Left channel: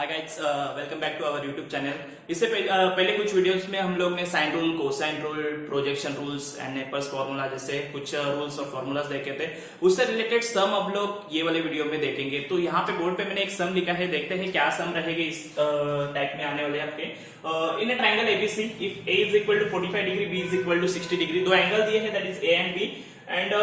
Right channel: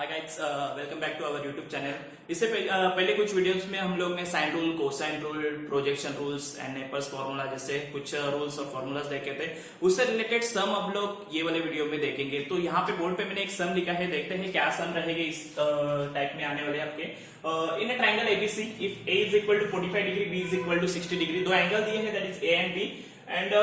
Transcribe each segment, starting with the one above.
Hi guys, welcome back to our YouTube channel. इससे पहले कुछ वीडियोस में हम लोग ने sine rule, cosine rule, projection rules and Napier's formula जैसे कुछ रूल्स और फॉर्मूलाज देखे थे। उससे रिलेटेड सम अब लोग ये वाले वीडियो में देखेंगे। तो यहाँ पे बोर्ड पे मैंने एक सम लिखा है, देखते हैं क्या सम रहेगा इस टाइप में आने वाले आपके। In a triangle ABC, if A is equal to 45 degree, B is equal to 60 degree, दो एंगल दिए हैं, that is A and B, and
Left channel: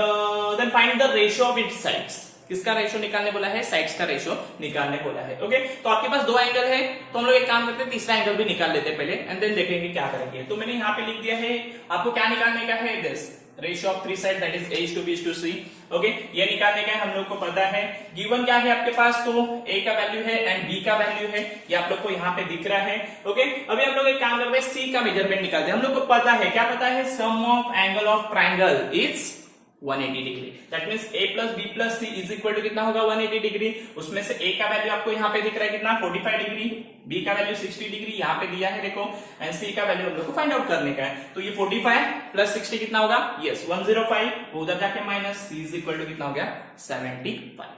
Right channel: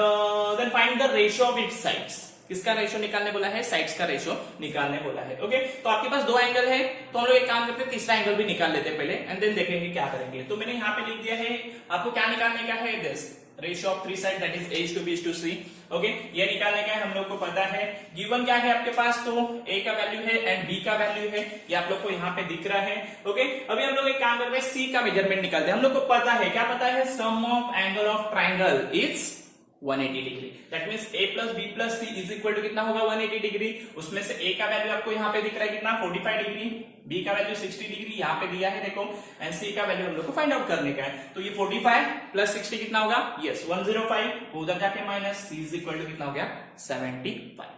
then find the ratio of its sides. किसका रेशियो निकालने बोला है? साइड्स का ratio निकालने बोला है। ओके, तो आपके पास दो एंगल है, तो हम लोग एक काम करते हैं, तीसरा एंगल भी निकाल लेते हैं पहले, एंड देन देखेंगे क्या करेंगे। तो मैंने यहाँ पे लिख दिया है, आपको क्या निकालने का है? This ratio of three side, that is a to b to c। Okay, ये निकालने का है, हम लोग को पता है। गिवन क्या है आपके पास? तो a का वैल्यू है एंड b का वैल्यू है, ये आप लोग को यहाँ पे दिख रहा है। ओके, अभी हम लोग एक काम करते हैं, c का मेजरमेंट निकालते हैं। हम लोग को पता है, क्या पता है? Sum of angle of triangle is 180 degree. That means a plus B plus C is equal to कितना होगा? 180 डिग्री। उसमें से a का वैल्यू आपको यहाँ पे दिख रहा है कितना? 45 डिग्री, b का वैल्यू 60 डिग्री यहाँ पे दिया है देखो, एंड c का वैल्यू हम लोग को फाइंड आउट करने का है। तो ये 45 प्लस 60 कितना होगा? यस 105, उधर जाके minus, c is equal to कितना हो गया? 75।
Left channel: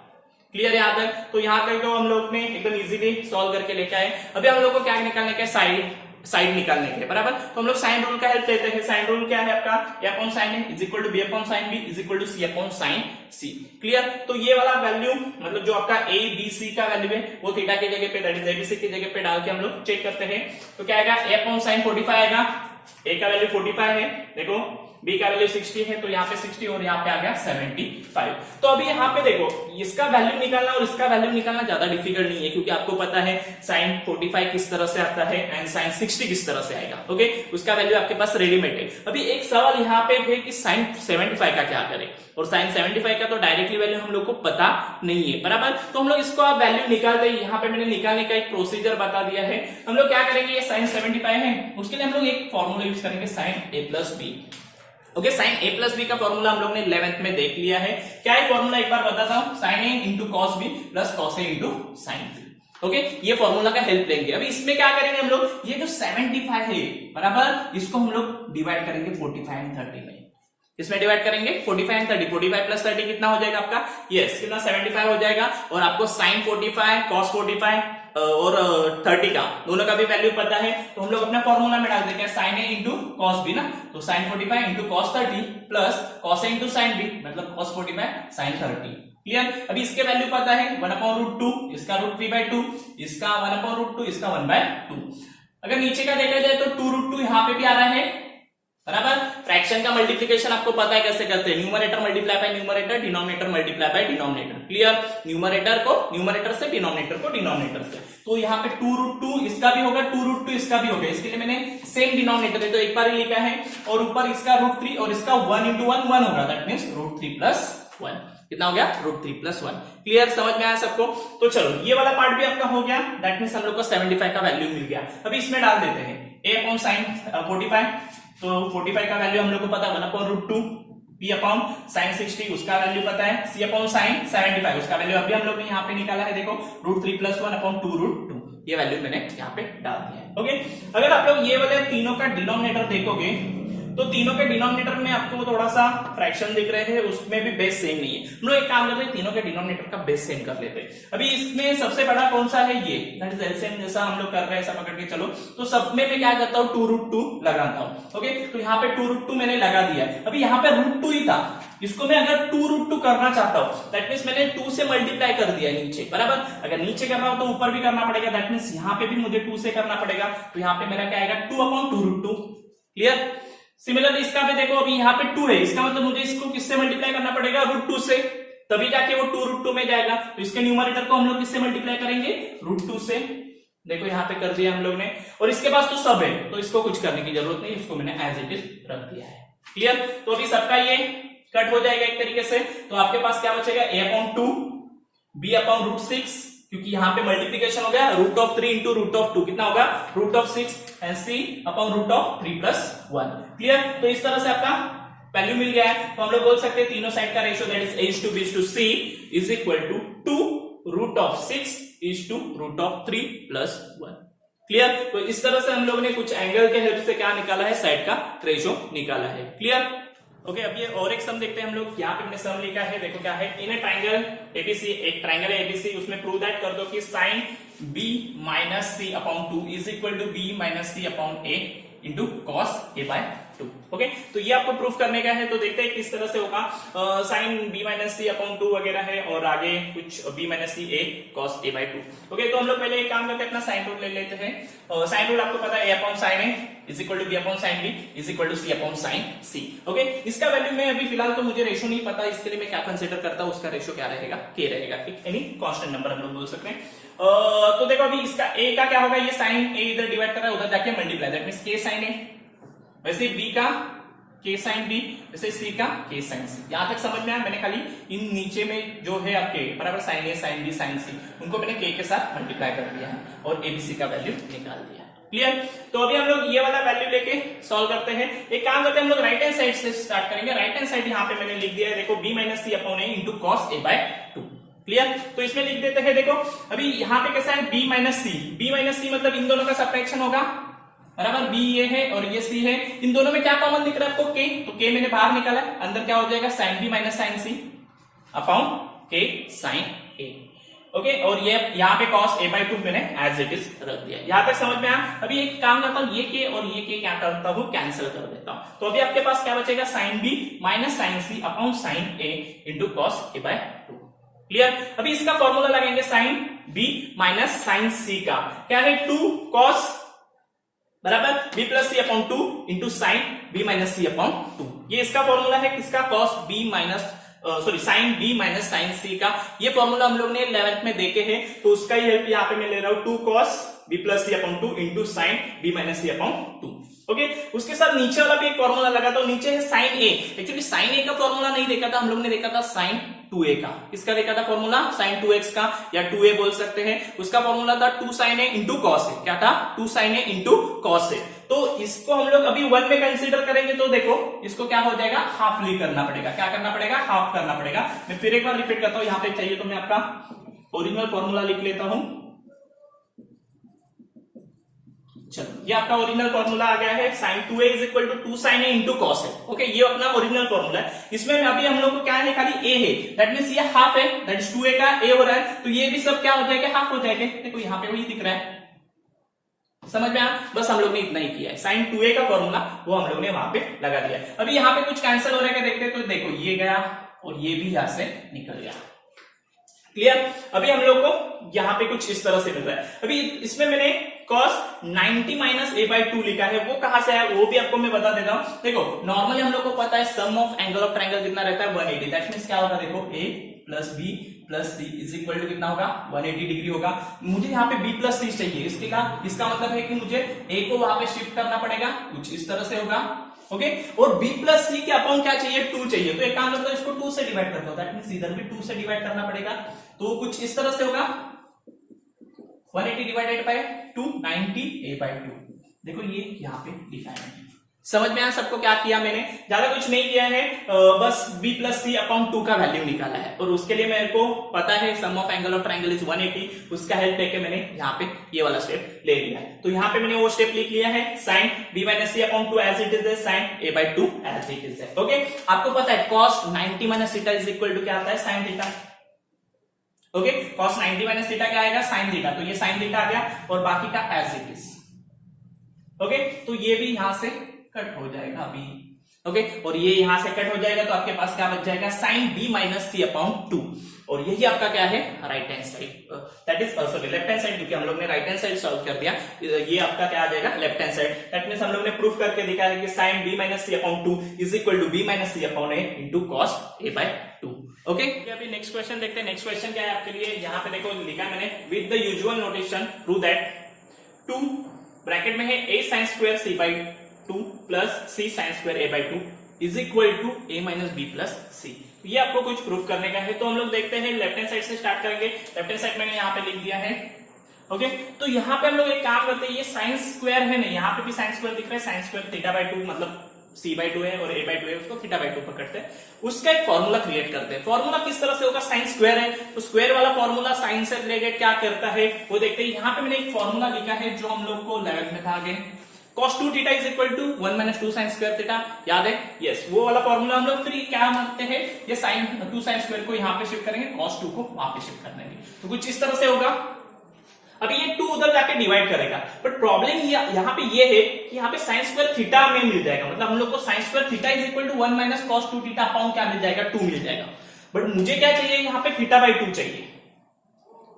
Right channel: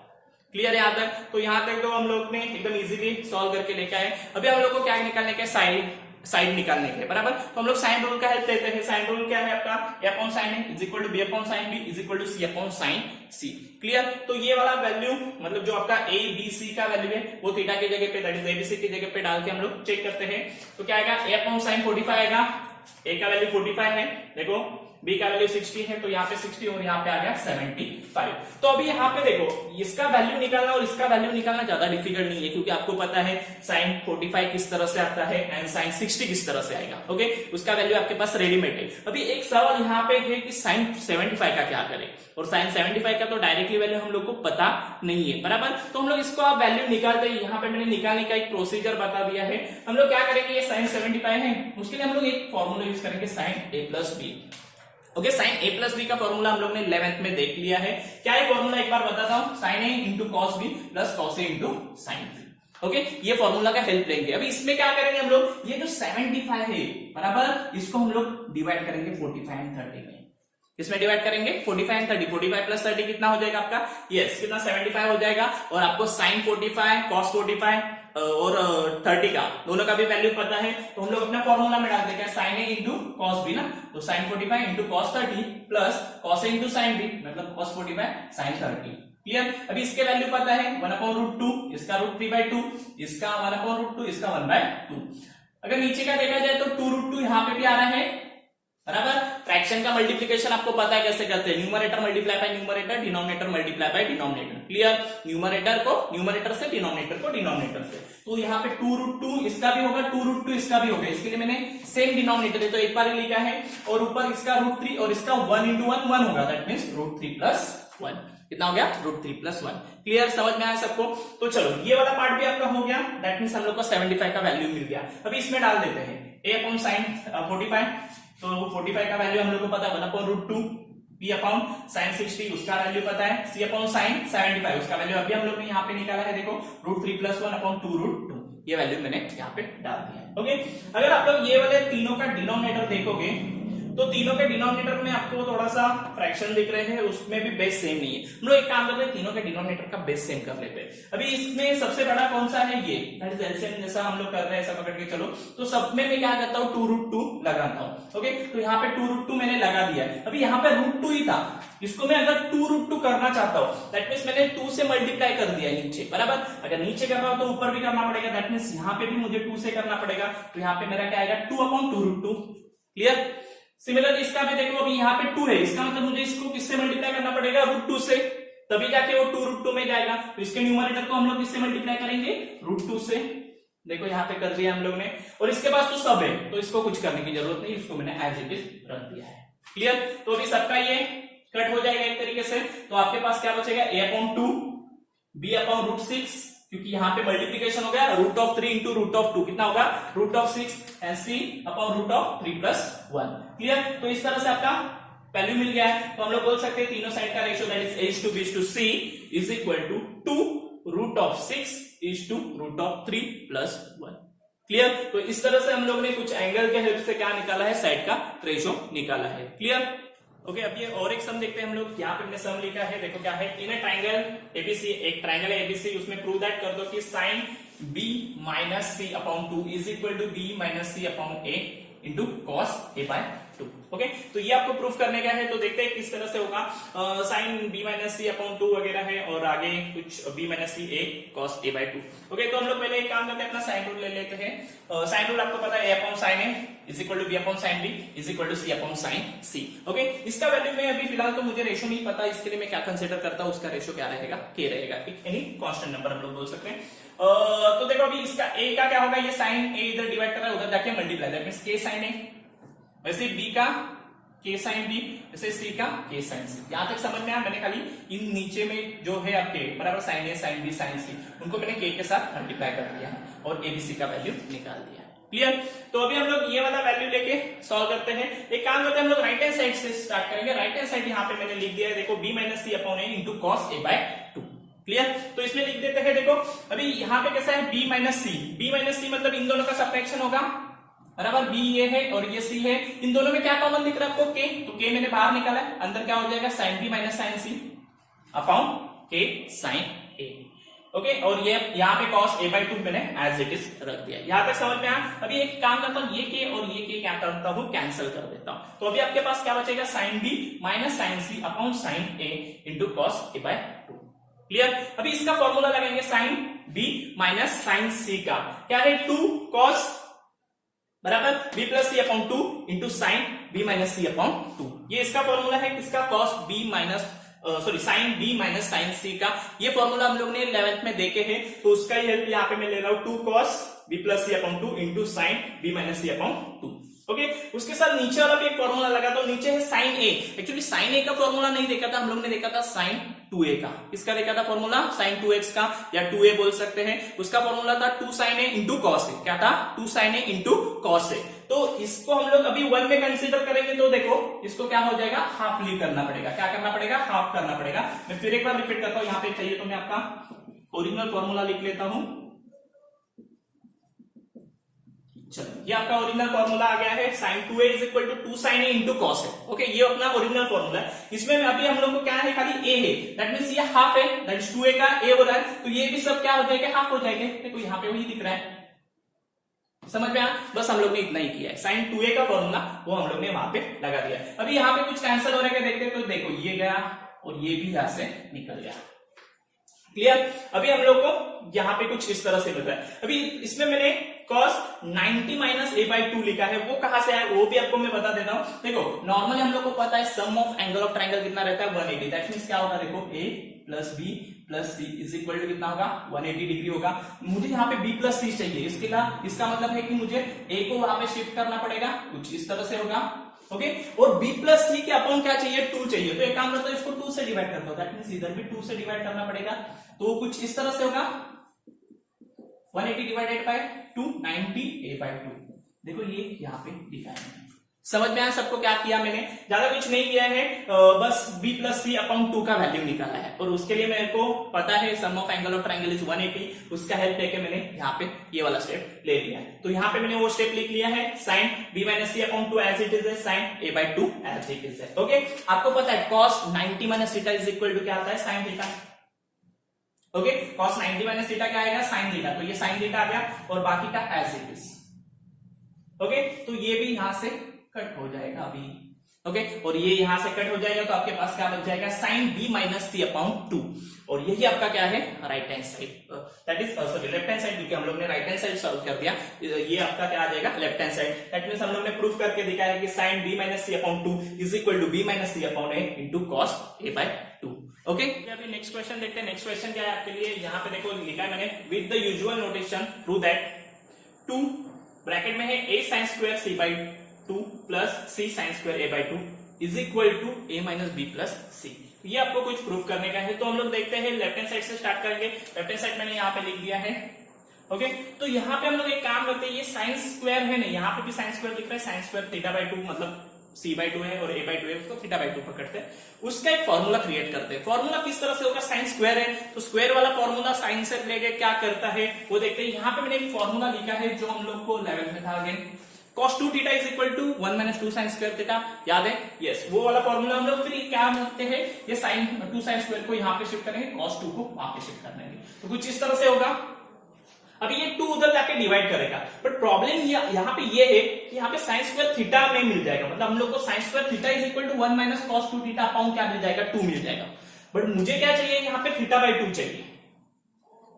क्लियर है यहाँ तक? तो यहाँ तक तो हम लोग ने एकदम इजीली सॉल्व करके लेके आए। अभी हम लोग को क्या निकालने का है? साइड निकालने के बराबर। तो हम लोग साइन रूल का हेल्प लेते हैं। साइन रूल क्या है आपका? a upon sine a is equal to b upon sine b is equal to c upon sine c। Clear? तो ये वाला वैल्यू मतलब जो आपका a b c का वैल्यू है वो थीटा की जगह पे, दैट इज abc की जगह पे डाल के हम लोग चेक करते हैं। तो क्या आएगा? a अपॉन साइन 45 आएगा, a का वैल्यू 45 है देखो, b का वैल्यू 60 है, तो यहाँ पे 60 और यहाँ पे आ गया 75। तो अभी यहाँ पे देखो, इसका वैल्यू निकालना और इसका वैल्यू निकालना ज्यादा डिफिकल्ट नहीं है, क्योंकि आपको पता है साइन 45 किस तरह से आता है एंड साइन 60 किस तरह से आएगा। ओके, उसका वैल्यू आपके पास रेडीमेड है। अभी एक सवाल यहाँ पे है कि साइन 75 का क्या करें, और साइन 75 का तो डायरेक्टली वैल्यू हम लोग को पता नहीं है बराबर। तो हम लोग इसको आप वैल्यू निकालते हैं। यहाँ पे मैंने निकालने का एक प्रोसीजर बता दिया है। हम लोग क्या करेंगे? ये साइन 75 है, उसके लिए हम लोग एक फॉर्मूला यूज करेंगे, sine a plus B. Okay, sine a plus B का फॉर्मूला हम लोग ने 11th में देख लिया है। क्या है फॉर्मूला? एक बार बताता हूं, sine a into cos B plus cos a into sine B. Okay, ये फॉर्मूला का हेल्प लेंगे। अभी इसमें क्या करेंगे हम लोग? ये जो 75 है बराबर, इसको हम लोग डिवाइड करेंगे 45 एंड 30 में। इसमें डिवाइड करेंगे 45 एंड 30, 45 प्लस 30 कितना हो जाएगा आपका? यस, कितना? 75 हो जाएगा। और आपको साइन 45, कॉस 45 और 30 का दोनों का भी वैल्यू पता है, तो हम लोग अपने फॉर्मूला में डाल देंगे, sine A into cos B ना, तो sine 45 into cos 30 plus cos A into sine B, मतलब कॉस 45 साइन 30। क्लियर? अभी इसके वैल्यू पता है 1/√2, इसका √3/2, इसका 1/√2, इसका 1/2। अगर नीचे का देखा जाए तो 2√2 यहाँ पे भी आ रहा है बराबर। फ्रैक्शन का मल्टीप्लिकेशन आपको पता है कैसे करते हैं, numerator multiply by numerator, denominator multiply by denominator. Clear? Numerator को न्यूमरेटर से, डिनोमिनेटर को डिनोमिनेटर से। तो यहाँ पे 2√2 इसका भी होगा, 2√2 इसका भी होगा। इसके लिए मैंने सेम डिनोमिनेटर है तो एक बार ही लिखा है, और ऊपर इसका √3 और इसका 1 इंटू 1 1 होगा, दैट मीन्स √3 प्लस 1। कितना हो गया? √3 प्लस 1। क्लियर? समझ में आया सबको? तो चलो, ये वाला पार्ट भी आपका हो गया, दैट मीन्स हम लोग को 75 का वैल्यू मिल गया। अभी इसमें डाल देते हैं a अपॉन साइन 45, तो 45 का वैल्यू हम लोग को पता है 1/√2, b अपॉन साइन 60 उसका वैल्यू पता है, c अपॉन साइन 75 उसका वैल्यू अभी हम लोग ने यहाँ पे निकाला है देखो, √3 प्लस 1 अपॉन 2√2, ये वैल्यू मैंने यहाँ पे डाल दिया है। ओके, अगर आप लोग ये वाले तीनों का डिनोमिनेटर देखोगे तो तीनों के डिनोमिनेटर में आपको थोड़ा सा फ्रैक्शन दिख रहे हैं, उसमें भी बेस सेम नहीं है। हम लोग एक काम करते हैं, तीनों के डिनोमिनेटर का बेस सेम कर लेते हैं। अभी इसमें सबसे बड़ा कौन सा है? ये, दैट इज एलसीएम जैसा हम लोग कर रहे हैं, ऐसा पकड़ के चलो। तो सब में मैं क्या करता हूँ? 2√2 लगाता हूँ। ओके, तो यहाँ पे 2√2 मैंने लगा दिया है। अभी यहाँ पे √2 ही था, इसको मैं अगर 2√2 करना चाहता हूँ, दैट मीन्स मैंने 2 से मल्टीप्लाई कर दिया नीचे बराबर। अगर नीचे कर रहा हूं तो ऊपर भी करना पड़ेगा, दैट मीन्स यहाँ पे भी मुझे 2 से करना पड़ेगा। तो यहाँ पे मेरा क्या आएगा? 2/√2। क्लियर? सिमिलर इसका भी देखो, अभी यहाँ पे 2 है, इसका मतलब मुझे इसको किससे मल्टीप्लाई करना पड़ेगा? √2 से, तभी जाके वो 2√2 में जाएगा। तो इसके न्यूमरेटर को हम लोग किससे मल्टीप्लाई करेंगे? √2 से। देखो यहाँ पे कर दिया हम लोग ने, और इसके पास तो सब है, तो इसको कुछ करने की जरूरत नहीं, इसको मैंने एज इट इज रख दिया है। क्लियर? तो अभी सबका ये कट हो जाएगा एक तरीके से। तो आपके पास क्या बचेगा? a/2, b/√6, क्योंकि यहाँ पे मल्टीप्लीकेशन हो गया, √3 इंटू √2 कितना होगा? √6, एंड c/√3 प्लस 1। क्लियर? तो इस तरह से आपका वैल्यू मिल गया है। तो हम लोग बोल सकते हैं तीनों साइड का ratio, that is a to b to c is equal to 2√6 is to √3 plus 1। Clear? तो इस तरह से हम लोग ने कुछ एंगल के हेल्प से क्या निकाला है? साइड का रेशियो निकाला है। क्लियर? ओके, अब ये और एक सम देखते हैं हम लोग। यहाँ पे हमने सम लिखा है, देखो क्या है, इन ए ट्राइंगल एबीसी, एक ट्राइंगल है एबीसी, उसमें प्रूव दैट कर दो कि sine B minus C upon 2 is equal to B minus C upon A into cos A by 2। Okay, तो ये आपको प्रूफ करने का है। तो देखते हैं किस तरह से होगा। Sign B minus C upon 2 वगैरह है और आगे कुछ B minus C A cos A by 2। Okay, तो हम लोग पहले एक काम करते हैं, अपना साइन रूल ले लेते हैं। साइन रूल आपको पता है, A upon sine A is equal to B upon sine B is equal to C upon sine C. Okay, इसका वैल्यू में अभी फिलहाल तो मुझे रेशो नहीं पता, इसके लिए मैं क्या कंसिडर करता हूँ, उसका रेशो क्या रहेगा, के रहेगा, ठीक, यानी कांस्टेंट नंबर हम लोग बोल सकते हैं। तो देखो अभी इसका ए का क्या होगा, ये साइन ए इधर डिवाइड कर रहा है, उधर जाके मल्टीप्लाई, दैट मींस के साइन ए, वैसे बी का के साइन बी, वैसे सी का के साइन सी। यहां तक समझ में आया। मैंने खाली इन नीचे में जो है आपके बराबर साइन ए साइन बी साइन सी, उनको मैंने के के साथ मल्टीप्लाई कर दिया है और एबीसी का वैल्यू निकाल दिया है। क्लियर? तो अभी हम लोग ये वाला वैल्यू लेके सॉल्व करते हैं। एक काम करते हैं, हम लोग राइट हैंड साइड से स्टार्ट करेंगे। राइट हैंड साइड यहाँ पे मैंने लिख दिया है, देखो B minus C upon A into cos A by 2। Clear? तो इसमें लिख देते हैं, देखो अभी यहाँ पे कैसा है, बी माइनस सी, बी माइनस सी मतलब इन दोनों का सब्ट्रैक्शन होगा, बराबर, बी ये है और ये सी है, इन दोनों में क्या कॉमन दिख रहा है आपको, के, तो के मैंने बाहर निकाला, अंदर क्या हो जाएगा, sign B minus sine C upon के साइन ए। ओके, और ये यहाँ पे कॉस ए बाय 2 मैंने एज इट इज रख दिया। यहाँ तक समझ में आया। अभी एक काम करता हूँ, ये के और ये के क्या करता हूँ, कैंसिल कर देता हूँ। तो अभी आपके पास क्या बचेगा, sine B minus sine C upon sine A into cos A by 2। Clear? अभी इसका फॉर्मूला लगाएंगे, sine B minus sine C का क्या है, 2 कॉस बराबर B plus C upon 2 into sine B minus C upon 2। ये इसका फॉर्मूला है, किसका, cos B minus sine B minus sine C का। ये फॉर्मूला हम लोग ने 11th में देखे हैं, तो उसका ही हेल्प यहाँ पे मैं ले रहा हूं, 2 cos B plus C upon 2 into sine B minus C upon 2। Okay, उसके साथ नीचे वाला भी एक फॉर्मूला लगा, तो नीचे है साइन ए। एक्चुअली साइन ए का फॉर्मूला नहीं देखा था हम लोग ने, देखा था साइन 2a का। किसका देखा था फॉर्मूला, साइन 2x का या 2a बोल सकते हैं। उसका फॉर्मूला था 2 साइन ए इंटू कॉस ए। क्या था, 2 साइन ए इंटू कॉस ए। तो इसको हम लोग अभी 1 में कंसीडर करेंगे, तो देखो इसको क्या हो जाएगा, हाफली करना पड़ेगा। क्या करना पड़ेगा, हाफ करना पड़ेगा। मैं फिर एक बार रिपीट करता हूं, यहाँ पे चाहिए तो मैं आपका ओरिजिनल फॉर्मूला लिख लेता हूं। चलो, ये आपका ओरिजिनल फॉर्मूला आ गया है, sine 2a is equal to 2 sine A into cos A. Okay, ये अपना ओरिजिनल फॉर्मूला है। इसमें अभी हम लोग को क्या है, खाली a है, दैट मींस ये हाफ है, दैट इज 2a का a हो रहा है, तो ये भी सब क्या हो जाएगा, हाफ हो जाएंगे। देखो यहाँ पे वही दिख रहा है, समझ में आया। बस हम लोग ने इतना ही किया है, साइन 2a का फॉर्मूला वो हम लोग ने वहां पे लगा दिया। अभी यहाँ पे कुछ कैंसिल हो रहा है, देखते तो देखो ये गया और ये भी यहां से निकल गया। क्लियर? अभी हम लोग को यहाँ पे कुछ इस तरह से मिल रहा है। अभी इसमें मैंने cos 90 माइनस ए बाई 2 लिखा है, वो कहां से आया वो भी आपको मैं बता देता हूं। देखो नॉर्मली हम लोग को पता है sum of angle of triangle कितना रहता है, 180। दैट मींस क्या होगा, देखो a plus B plus C is equal to कितना होगा, 180 डिग्री होगा। मुझे यहाँ पे b प्लस सी चाहिए, इसके लिए इसका मतलब है कि मुझे a को वहां पे शिफ्ट करना पड़ेगा, कुछ इस तरह से होगा। ओके, और b प्लस सी के अपॉन क्या चाहिए, 2 चाहिए। तो एक काम करता हूं, इसको 2 से डिवाइड करता हूं, दैट मींस इधर भी 2 से डिवाइड करना पड़ेगा। तो कुछ इस तरह से होगा, 180 डिवाइडेड बाय 2, 90 a बाय 2। देखो ये यहाँ पे लिखा है। समझ में आया सबको क्या किया मैंने, ज्यादा कुछ नहीं किया है, बस b प्लस सी अपॉन 2 का वैल्यू निकाला है। और उसके लिए मेरे को पता है sum of angle of triangle is 180, उसका हेल्प लेके मैंने यहाँ पे ये वाला स्टेप ले लिया है। तो यहाँ पे मैंने वो स्टेप लिख लिया है, sine b minus C upon 2 as it is है, sine a by 2 as it is है। ओके, आपको पता है cos 90 minus theta is equal to क्या आता है, sine theta. Okay, cos 90 minus theta क्या आएगा, साइन थीटा। तो ये साइन थीटा आ गया और बाकी का एज इट इज। ओके, तो ये भी यहां से कट हो जाएगा अभी। ओके, और ये यहां से कट हो जाएगा, तो आपके पास क्या बच जाएगा, sign b minus C upon 2। और यही आपका क्या है, right hand side, that is sorry left hand side, क्योंकि हम लोग ने राइट हैंड साइड सॉल्व कर दिया। ये आपका क्या आ जाएगा, left hand side. That means हम लोग ने प्रूफ करके दिखाया कि sine b minus C upon 2 is equal to b minus C upon a into cos a by 2। Okay, अभी नेक्स्ट क्वेश्चन देखते हैं। नेक्स्ट क्वेश्चन क्या है आपके लिए, यहाँ पे देखो लिखा है मैंने, with the usual notation prove that 2 bracket में है a sin square c by 2 plus c sin square a by 2 is equal to a minus b plus c। ये आपको कुछ प्रूफ करने का है। तो हम लोग देखते हैं, लेफ्ट हैंड साइड से स्टार्ट करेंगे। लेफ्ट हैंड साइड मैंने यहाँ पे लिख दिया है। ओके, तो यहाँ पे हम लोग एक काम करते हैं, ये साइन स्क्वायर है ना, यहाँ पे भी साइन स्क्वायर दिख रहा है, साइन स्क्वायर थीटा बाई 2 मतलब c बाई 2 है और a बाई 2 है, उसको थीटा बाई 2 पकड़ते हैं, उसका एक फॉर्मूला क्रिएट करते हैं। फॉर्मूला किस तरह से होगा, साइन स्क्वायर है तो स्क्वायर वाला फॉर्मूला साइन से रिलेटेड क्या करता है वो देखते हैं। यहाँ पे मैंने एक फॉर्मूला लिखा है जो हम लोग को 11th में था, आगे cos 2 theta is equal to 1 minus 2 sine square theta, याद है, यस, वो वाला फॉर्मूला हम लोग फिर क्या मानते हैं, ये साइन 2 साइन स्क्वायर को यहाँ पे शिफ्ट करेंगे, cos 2 को वहां पे शिफ्ट कर देंगे, तो कुछ इस तरह से होगा। अभी ये 2 उधर जाके डिवाइड करेगा, बट प्रॉब्लम यहाँ पे ये है कि यहाँ पे साइन स्क्वायर थीटा में मिल जाएगा, मतलब हम लोग को sine square theta is equal to 1 minus cos 2 theta upon क्या मिल जाएगा, 2 मिल जाएगा। बट मुझे क्या चाहिए, यहाँ पे थीटा बाई 2 चाहिए,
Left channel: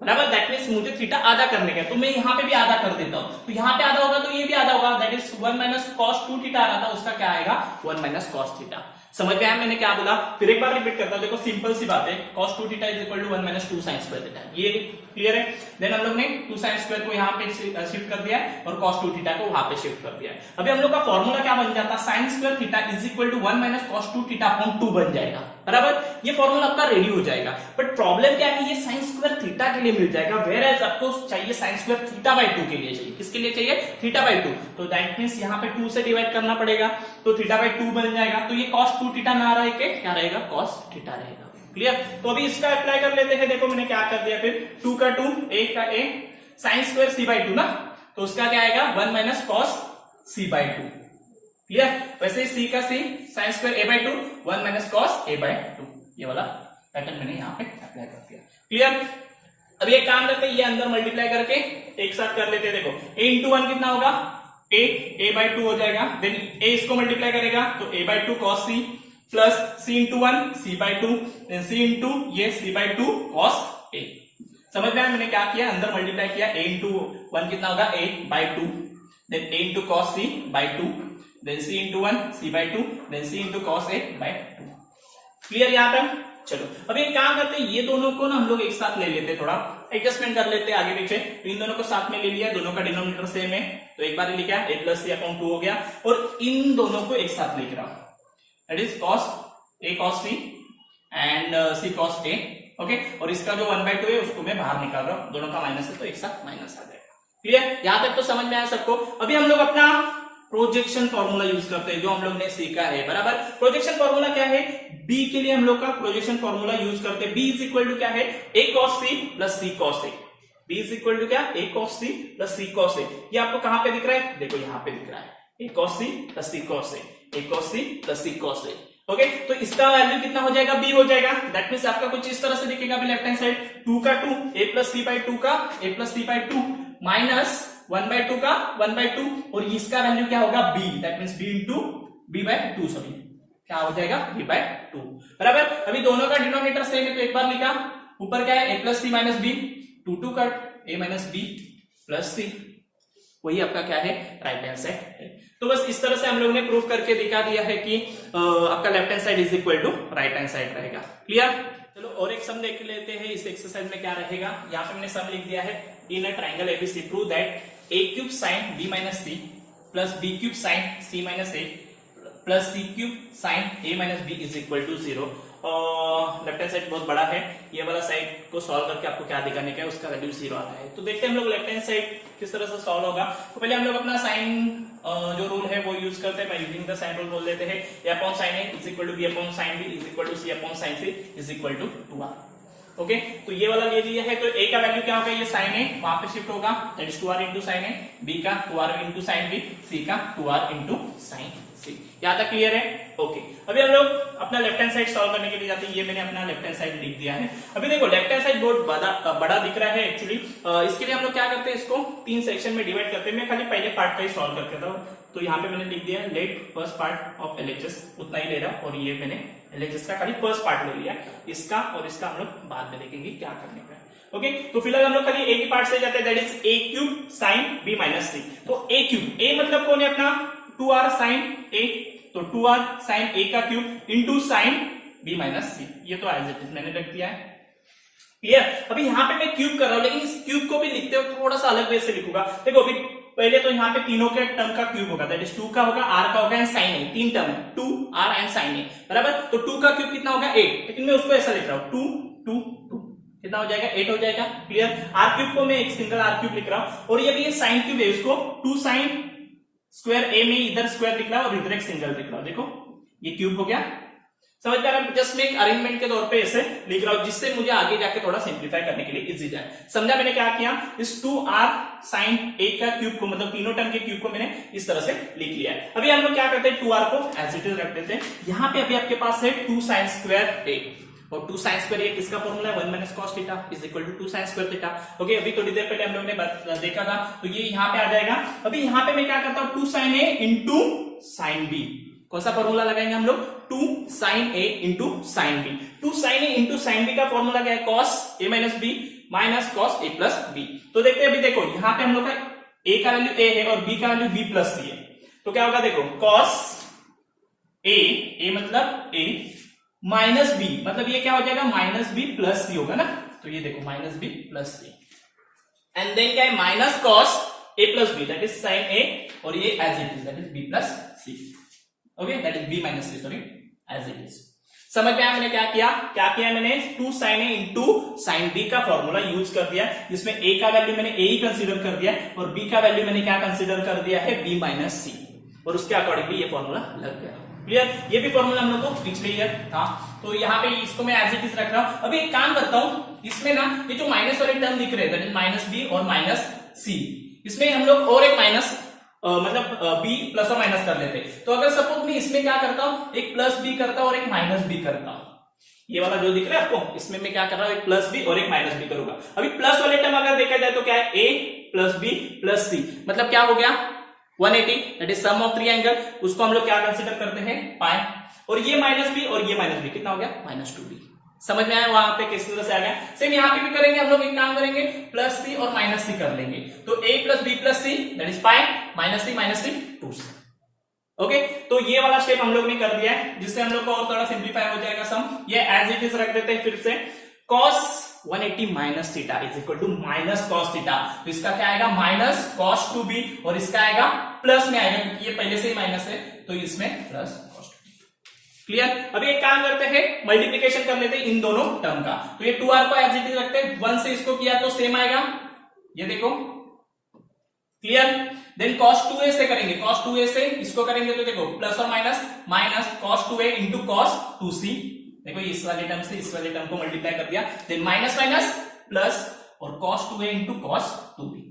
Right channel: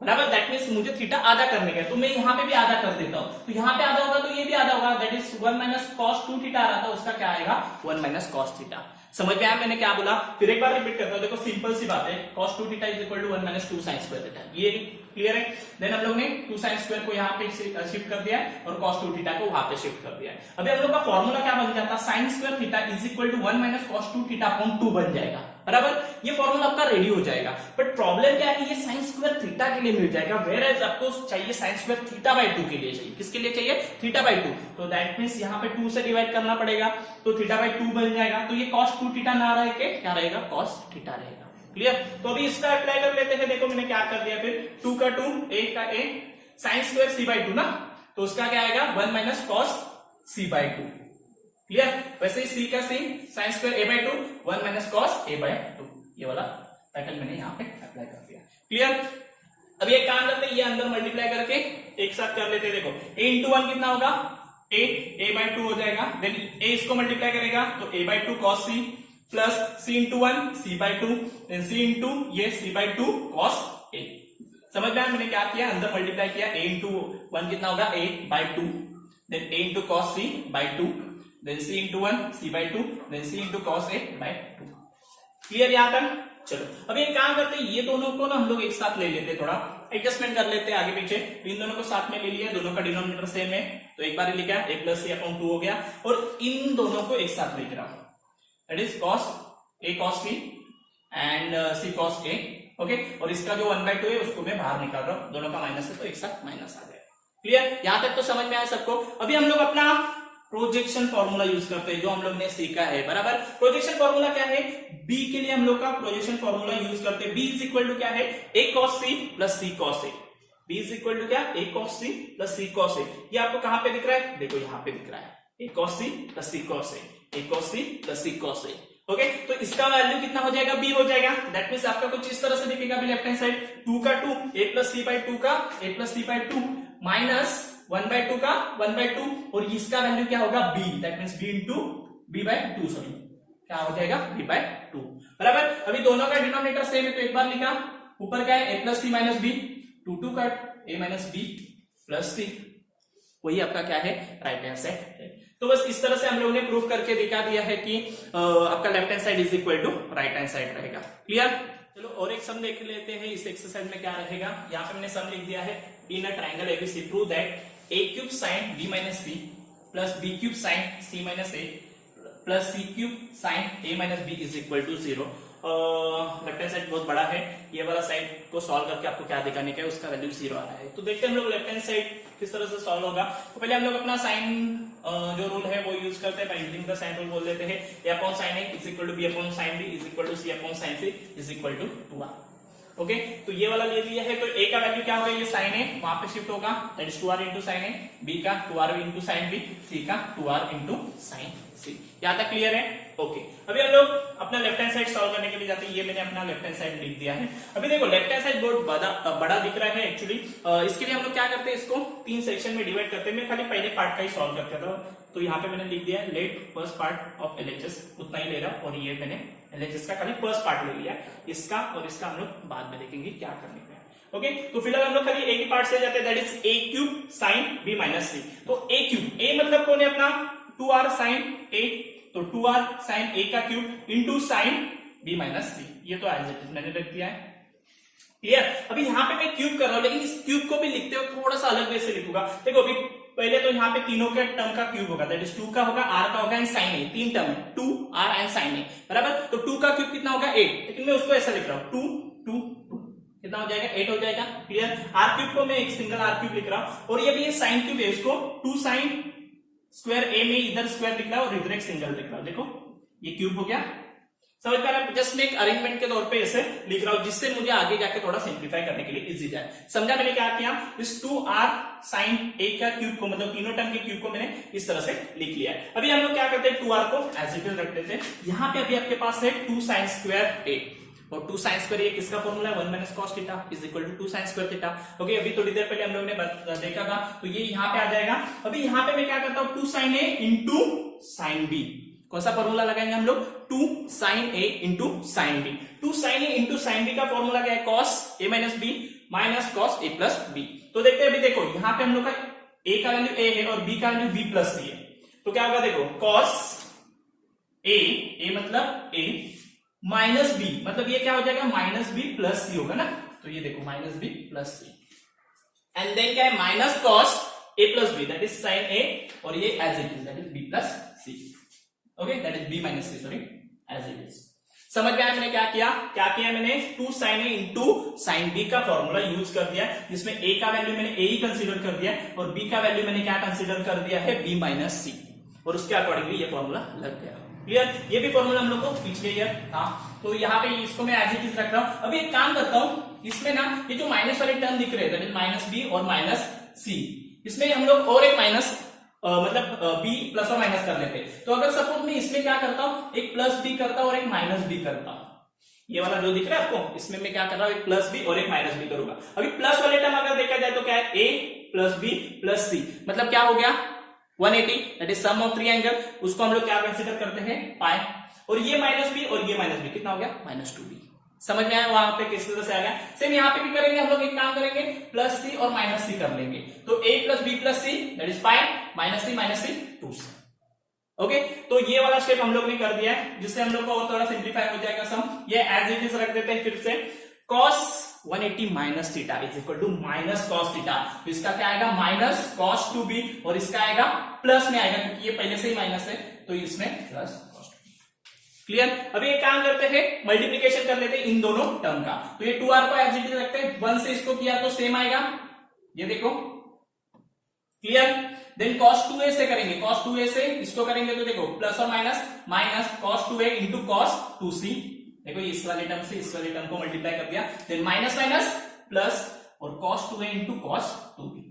बराबर। दैट मीन्स मुझे थीटा आधा करने का, तो मैं यहाँ पे भी आधा कर देता हूं, तो यहाँ पे आधा होगा तो ये भी आधा होगा, that is 1 minus cos 2 theta आ रहा था, उसका क्या आएगा 1 माइनस कॉस थीटा। समझ में आया मैंने क्या बोला? फिर एक बार रिपीट करता हूं, देखो सिंपल सी बात है, cos 2 theta is equal to 1 minus 2 sin square theta, ये क्लियर है। देन हम लोग ने 2 sin स्क्वायर को यहाँ पे शिफ्ट कर दिया है और cos 2 थीटा को वहां पे शिफ्ट कर दिया है। अभी हम लोग का फॉर्मूला क्या बन जाता है, sin square theta is equal to 1 minus cos 2 theta upon 2 बन जाएगा, बराबर। ये फॉर्मूला आपका रेडी हो जाएगा, बट प्रॉब्लम क्या है, ये sin स्क्वायर थीटा के लिए मिल जाएगा, वेयर एज आपको चाहिए sin स्क्वायर थीटा बाई 2 के लिए चाहिए। किसके लिए चाहिए? Theta by 2। तो दैट मीन्स यहाँ पे 2 से डिवाइड करना पड़ेगा, तो थीटा बाई 2 बन जाएगा, तो ये cos 2 थीटा ना रहे के क्या रहेगा, cos थीटा रहेगा। क्लियर? तो अभी इसका अप्लाई कर लेते हैं। देखो मैंने क्या कर दिया, फिर 2 का 2, a का a, sin square c by 2 ना, तो उसका क्या आएगा 1 minus cos c by 2। Clear? वैसे c का c, sin square a by 2, 1 minus cos a by 2, ये वाला पैटर्न मैंने यहाँ पे अप्लाई कर दिया। क्लियर? अभी एक काम करते हैं, ये अंदर मल्टीप्लाई करके एक साथ कर लेते हैं। देखो a इंटू 1 कितना होगा, a बाई 2 हो जाएगा, देन a इसको मल्टीप्लाई करेगा तो a by 2 cos c plus c into 1 c by 2, then c into ये c बाई 2 कॉस a। समझ में आया मैंने क्या किया, अंदर मल्टीप्लाई किया, a इंटू 1 कितना होगा a by 2, then a into cos c by 2, then c into 1 c by 2, then c into cos a by 2। Clear यहाँ तक? चलो अभी एक काम करते हैं, ये दोनों को ना हम लोग एक साथ ले लेते हैं, थोड़ा एडजस्टमेंट कर लेते हैं आगे पीछे। इन दोनों को साथ में ले लिया, दोनों का डिनोमिनेटर सेम है, तो एक बार लिखा a प्लस c अपॉन 2 हो गया, और इन दोनों को एक साथ लिख रहा हूं, that is cos a cos c and c cos a, okay. और इसका जो 1 बाई 2 है उसको मैं बाहर निकाल रहा हूं, दोनों का माइनस है तो एक साथ माइनस आ जाएगा। क्लियर? यहां तक तो समझ में आया सबको? अभी हम लोग अपना प्रोजेक्शन फॉर्मूला यूज करते हैं जो हम लोग ने सीखा है, बराबर। प्रोजेक्शन फॉर्मूला क्या है, b के लिए हम लोग का प्रोजेक्शन फॉर्मूला यूज करते हैं। b इज इक्वल टू क्या है, a cos c plus c cos a। b is equal to क्या, a cos c plus c cos a। ये आपको कहां पे दिख रहा है, देखो यहाँ पे दिख रहा है, a cos c plus c cos a, a cos c plus c cos a। Okay, तो इसका वैल्यू कितना हो जाएगा, b हो जाएगा। दैट मींस आपका कुछ इस तरह से दिखेगा अभी लेफ्ट हैंड साइड, 2 का 2 a प्लस c बाई 2 का a plus c by 2 minus 1 by 2 का 1 बाई 2, और इसका वैल्यू क्या होगा b, that means b into b by 2, sorry क्या हो जाएगा b बाई 2, बराबर। अभी दोनों का डिनोमिनेटर सेम है तो एक बार लिखा, ऊपर क्या है a plus c minus b, 2 cut a minus b plus c, वही आपका क्या है राइट हैंड साइड है। तो बस इस तरह से हम लोग ने प्रूफ करके दिखा दिया है कि आपका left hand side is equal to right hand side रहेगा। क्लियर? चलो और एक सम देख लेते हैं, इस एक्सरसाइज में क्या रहेगा। यहाँ पे मैंने सम लिख दिया है, in a triangle ABC prove that a cube sine b minus c plus b cube sine c minus a plus c cube sine a minus b is equal to 0। Left hand side बहुत बड़ा है, ये वाला side को solve करके आपको क्या दिखाने का है, उसका वैल्यू 0 आता है। तो देखते हैं हम लोग लेफ्ट हैंड साइड किस तरह से सॉल्व होगा। तो पहले हम लोग अपना साइन जो रूल है वो यूज करते हैं, by using the sine rule बोल देते हैं a upon sine a is equal to b upon sine b is equal to c upon sine c is equal to 2r। Okay, तो ये वाला ले लिया है, तो a का वैल्यू क्या होगा, ये साइन a वहां पे शिफ्ट होगा, that is 2r into sine a, b का 2r into sine b, c का 2r इंटू साइन c। यहाँ तक क्लियर है? ओके, अभी हम लोग अपना लेफ्ट हैंड साइड सॉल्व करने के लिए जाते हैं। ये मैंने अपना लेफ्ट हैंड साइड लिख दिया है। अभी देखो लेफ्ट हैंड साइड बहुत बड़ा दिख रहा है एक्चुअली, इसके लिए हम लोग क्या करते हैं, इसको 3 सेक्शन में डिवाइड करते हैं। मैं खाली पहले पार्ट का ही सॉल्व करता था, तो यहाँ पे मैंने लिख दिया let first part of LHS, उतना ही ले रहा, और ये मैंने LHS का खाली फर्स्ट पार्ट ले लिया। इसका और इसका हम लोग बाद में देखेंगे क्या करने का है। ओके, तो फिलहाल हम लोग खाली एक ही पार्ट से जाते हैं, that is a cube sine b minus c। तो a क्यूब, a मतलब कौन है अपना 2r साइन a, तो 2r साइन a का cube into sine b minus c, ये तो एज इट इज मैंने लिख दिया है। क्लियर? अभी यहाँ पे मैं क्यूब कर रहा हूँ, लेकिन इस क्यूब को भी लिखते हुए थोड़ा सा अलग वे से लिखूंगा। देखो अभी पहले तो यहाँ पे तीनों के टर्म का क्यूब होगा, दैट इज 2 का होगा, r का होगा एंड साइन a, 3 टर्म है 2 r एंड साइन a, बराबर। तो 2 का क्यूब कितना होगा 8, लेकिन मैं उसको ऐसा लिख रहा हूँ 2 2 2, कितना हो जाएगा 8 हो जाएगा। क्लियर? r क्यूब को मैं एक सिंगल r क्यूब लिख रहा हूँ, और ये भी ये साइन क्यूब है, इसको 2 साइन स्क्वायर a में इधर स्क्वायर लिख रहा है और इधर एक सिंगल लिख रहा हूँ। देखो ये क्यूब हो गया, समझ पा रहे हैं? जस्ट मैं एक अरेंजमेंट के तौर पे ऐसे लिख रहा हूं, जिससे मुझे आगे जाके थोड़ा सिंप्लीफाई करने के लिए इजी जाए। समझा मैंने क्या किया, इस 2r साइन a का क्यूब को, मतलब तीनों टर्म के क्यूब को मैंने इस तरह से लिख लिया है। अभी हम लोग क्या करते हैं, 2r को एज इट इज रख देते हैं। यहाँ पे अभी आपके पास है 2 साइन स्क्वायर a, और 2 sin स्क्वायर ये किसका फॉर्मूला है 1 minus cos theta is equal to 2 sin square theta. Okay, अभी थोड़ी देर पहले हम लोग ने देखा था, तो ये यहाँ पे आ जाएगा। अभी यहाँ पे मैं क्या करता हूँ 2 sin a into sin b, कौन सा फॉर्मूला लगाएंगे हम लोग 2 sin a into sin b। 2 sin a into sin b का फॉर्मूला क्या है cos a minus b minus cos a plus b। तो देखते हैं, अभी देखो यहाँ पे हम लोग का a का वैल्यू a है और b का वैल्यू b प्लस c है, तो क्या होगा देखो cos a मतलब a माइनस b, मतलब ये क्या हो जाएगा माइनस b प्लस c होगा ना, तो ये देखो minus b plus c, and then क्या है minus cos a plus b that is sin a, और ये as it is that is b plus c। Okay, that is b minus c, sorry as it is. समझ में आया मैंने क्या किया मैंने 2 sin a into sin b का फॉर्मूला यूज कर दिया, जिसमें a का वैल्यू मैंने a ही कंसीडर कर दिया और b का वैल्यू मैंने क्या कंसीडर कर दिया है b माइनस c, और उसके अकॉर्डिंगली ये फॉर्मूला लग गया। क्लियर, ये भी फॉर्मूला हम लोग को पिछले ईयर था, तो यहाँ पे इसको मैं एज इट इज रख रहा हूं। अभी एक काम करता हूं, इसमें ना ये जो माइनस वाले टर्म दिख रहे हैं दैट इज माइनस बी और माइनस सी, इसमें हम लोग और एक माइनस मतलब b प्लस और माइनस कर लेते हैं। तो अगर सपोज मैं इसमें क्या करता हूं एक प्लस b करता हूं और एक माइनस b करता हूं, ये वाला जो दिख रहा है आपको, इसमें मैं क्या कर रहा हूं एक प्लस b और एक माइनस b करूंगा। अभी प्लस वाले टर्म अगर देखा जाए तो क्या है a plus b plus c, मतलब क्या हो गया 180 that is sum of triangle, उसको हम लोग क्या कंसीडर करते हैं पाई, और ये माइनस b और ये माइनस b कितना हो गया माइनस 2b। समझ में आया वहां पे किस तरह से आ गया। सेम यहाँ पे भी करेंगे हम लोग, एक काम करेंगे प्लस सी और माइनस सी कर लेंगे, तो a plus b plus C that is pi minus C 2c। Okay, तो ये वाला स्टेप हम लोग ने कर दिया है, जिससे हम लोग को और थोड़ा सिंप्लीफाई हो जाएगा सम। ये एज इट इज रख देते हैं फिर से, cos 180 minus theta is equal to minus cos theta, तो इसका क्या आएगा माइनस cos 2b और इसका आएगा प्लस में आएगा क्योंकि ये पहले से ही माइनस है, तो इसमें प्लस cos 2b। क्लियर, अभी एक काम करते हैं मल्टीप्लीकेशन कर लेते हैं इन दोनों टर्म का, तो ये 2r को एज इट इज रखते हैं, 1 से इसको किया तो सेम आएगा, ये देखो क्लियर। देन cos 2a से करेंगे, cos 2a से इसको करेंगे तो देखो प्लस और minus minus cos 2a into cos 2c, देखो इस वाले टर्म से इस वाले टर्म को मल्टीप्लाई कर दिया, देन माइनस माइनस प्लस और cos 2a into cos 2b।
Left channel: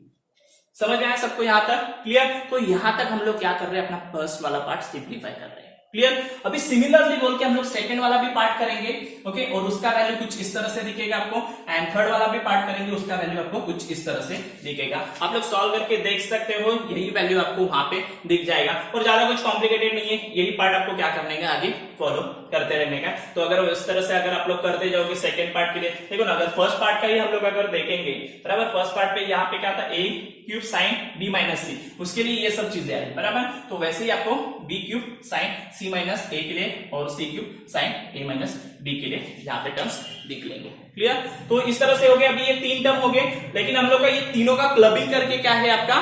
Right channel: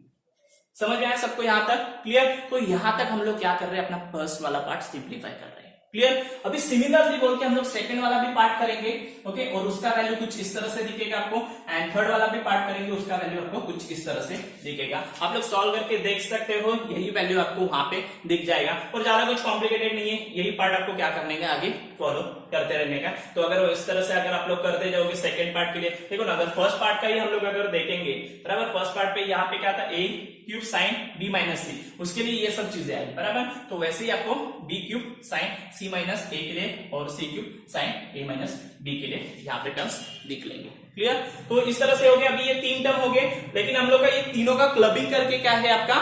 समझ में आया सबको यहाँ तक क्लियर। तो यहाँ तक हम लोग क्या कर रहे हैं, अपना फर्स्ट वाला पार्ट सिंप्लीफाई कर रहे हैं। क्लियर, अभी सिमिलरली बोल के हम लोग सेकंड वाला भी पार्ट करेंगे। ओके, और उसका वैल्यू कुछ इस तरह से दिखेगा आपको, एंड थर्ड वाला भी पार्ट करेंगे, उसका वैल्यू आपको कुछ इस तरह से दिखेगा। आप लोग सॉल्व करके देख सकते हो, यही वैल्यू आपको वहां पे दिख जाएगा, और ज्यादा कुछ कॉम्प्लिकेटेड नहीं है, यही पार्ट आपको क्या करने का आगे फॉलो करते रहने का। तो अगर इस तरह से अगर आप लोग करते जाओगे सेकंड पार्ट के लिए, देखो ना, अगर फर्स्ट पार्ट का ही हम लोग अगर देखेंगे बराबर, फर्स्ट पार्ट पे यहाँ पे क्या था a cube sine b minus C, उसके लिए ये सब चीजें आई बराबर, तो वैसे ही आपको b cube sine c minus a के लिए और c cube sine a minus b के लिए यहाँ पे टर्म्स दिख लेंगे। क्लियर, तो इस तरह से हो गया। अभी ये 3 टर्म हो गए, लेकिन हम लोग का ये तीनों का क्लबिंग करके क्या है आपका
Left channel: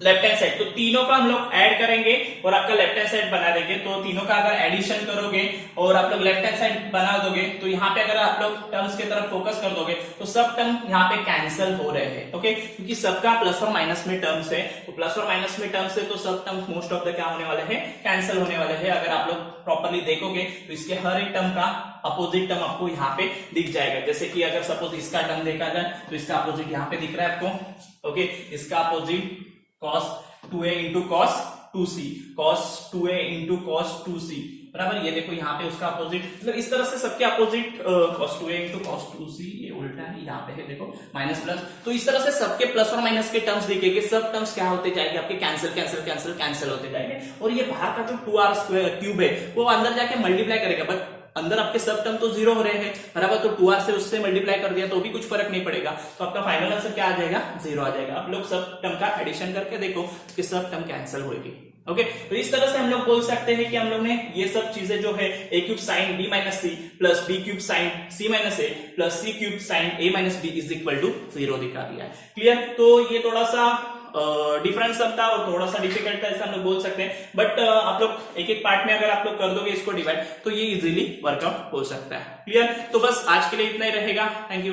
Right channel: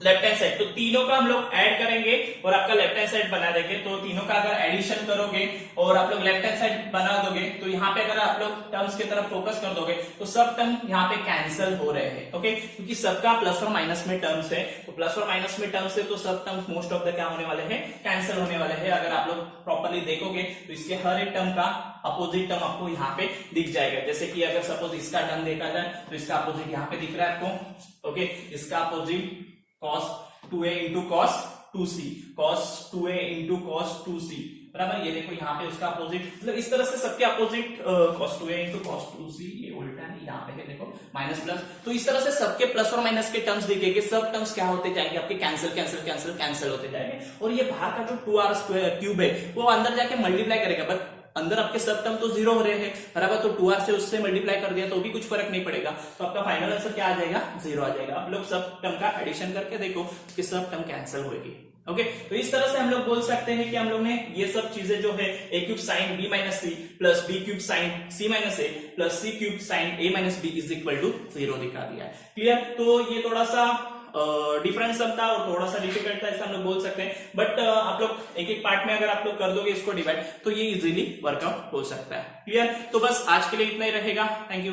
लेफ्ट हैंड साइड, तो तीनों का हम लोग ऐड करेंगे और आपका लेफ्ट हैंड साइड बना देंगे। तो तीनों का अगर एडिशन करोगे और आप लोग लेफ्ट हैंड साइड बना दोगे, तो यहाँ पे अगर आप लोग टर्म्स की तरफ फोकस कर दोगे तो सब टर्म यहाँ पे कैंसिल हो रहे हैं। ओके, क्योंकि सबका प्लस और माइनस में टर्म्स है, तो प्लस और माइनस में टर्म्स है, तो सब टर्म्स मोस्ट ऑफ द क्या होने वाले हैं कैंसिल होने वाले हैं। अगर आप लोग प्रॉपरली देखोगे तो इसके हर एक टर्म का अपोजिट टर्म आपको यहाँ पे दिख जाएगा। जैसे कि अगर सपोज इसका टर्म देखा जाए तो इसका अपोजिट यहाँ पे दिख रहा है आपको। ओके, इसका opposite cos 2a into cos 2c, cos 2a into cos 2c बराबर, ये देखो यहाँ पे उसका अपोजिट, मतलब इस तरह से सबके opposite cos 2a into cos 2c, ये उल्टा है, यहाँ पे है देखो माइनस प्लस, तो इस तरह से सबके प्लस और माइनस के टर्म्स दिखेंगे। सब टर्म्स क्या होते जाएंगे आपके कैंसिल कैंसिल कैंसिल कैंसिल होते जाएंगे, और ये बाहर का जो 2r स्क्वायर क्यूब है वो अंदर जाके मल्टीप्लाई करेगा, बट अंदर आपके सब टर्म तो जीरो हो रहे हैं बराबर, तो 2r से उससे मल्टीप्लाई कर दिया तो भी कुछ फर्क नहीं पड़ेगा, तो आपका फाइनल आंसर क्या आ जाएगा जीरो आ जाएगा। आप लोग सब टर्म का एडिशन करके देखो कि सब टर्म कैंसिल होगी। ओके, तो इस तरह से हम लोग बोल सकते हैं कि हम लोग ने ये सब चीजें जो है a cube sine b minus C plus b cube sine c minus A plus c cube sine a minus b is equal to 0 दिखा दिया है। क्लियर, तो ये थोड़ा सा डिफरेंस सब था और थोड़ा सा डिफिकल्ट था, ऐसा हम लोग बोल सकते हैं, बट आप लोग एक एक पार्ट में अगर आप लोग कर दोगे इसको डिवाइड, तो ये इजीली वर्कआउट हो सकता है। क्लियर, तो बस आज के लिए इतना ही रहेगा। Thank you.